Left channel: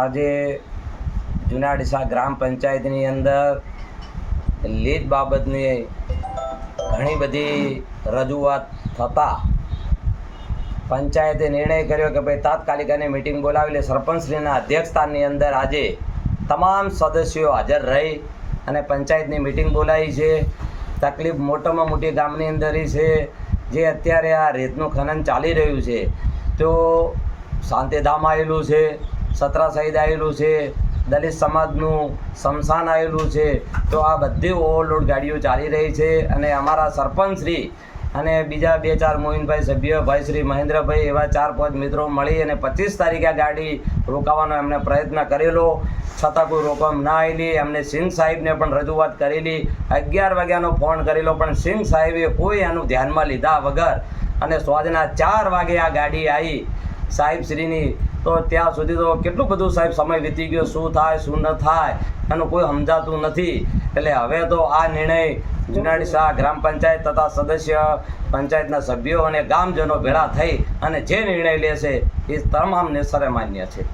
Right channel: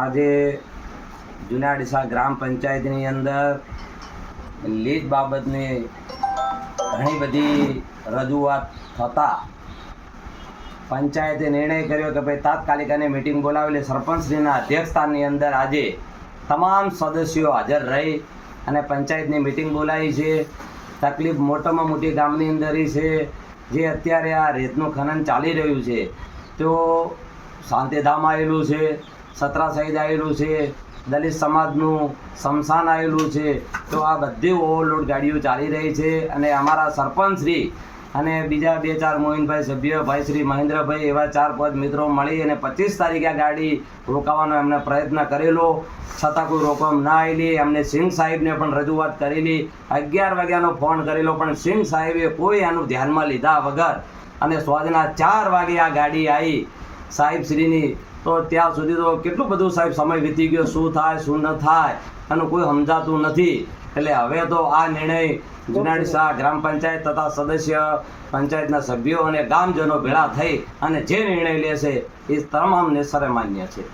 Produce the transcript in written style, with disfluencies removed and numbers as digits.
આજે જૂના ડીસા ગ્રામ પંચાયતની અંદર લીજ બાબતની ઘણી બધી રજૂઆત થતાં પંચાયતે નિર્ણય કર્યો કે ભાઈ તાત્કાલિક અને મિટિંગ બોલાવેલી સરપંચશ્રીના અધ્યક્ષસ્થાનની અંદર આજે તમામ સદસ્યો હાજર રહી અને પંચાયતની મિટિંગ બોલાવી છે. તકલીફ મોટામાં મોટી ગામની અંદર છે જે અત્યારે આ રેતનું ખનન ચાલી રહ્યું છે, તો શાંતિધામ આવેલું છે, સત્રા શહીદ આવેલું છે, દલિત સમાજનું સ્મશાન આવેલું છે, તો આ બધી ઓવરલોડ ગાડીઓ ચાલી રહી છે. અને અમારા સરપંચશ્રી અને બીજા 2-4 મોહિનભાઈ સભ્ય ભાઈ શ્રી મહેન્દ્રભાઈ એવા 4-5 મિત્રો મળી અને 25 તારીખે આ ગાડી રોકાવાનો એમને પ્રયત્ન કરેલો, છતાં કોઈ રોકવામાં ના આવેલી. એમને સિંઘ સાહેબને પણ રજૂઆત કરેલી, 11 વાગ્યાનો ફોન કરેલો, પણ સિંઘ સાહેબે કોઈ આનું ધ્યાનમાં લીધા વગર અને સાંજના 4 વાગે આ ગાડી આવી સાહેબશ્રીની. તો ત્યાં સુધી તો કેટલું બધું સાહેબ સમય વીતી ગયો, શું થાય શું ન થાય એનું કોઈ સમજાતું નથી. એટલે હવે તો આ નિર્ણય જૂના ડીસા ગ્રામ પંચાયત તથા સદસ્ય પંચાયતના સભ્યો અને ગામજનો ભેળા થઈ અને જે નિર્ણય લેશે એ તમામને સર્વમાન્ય છે.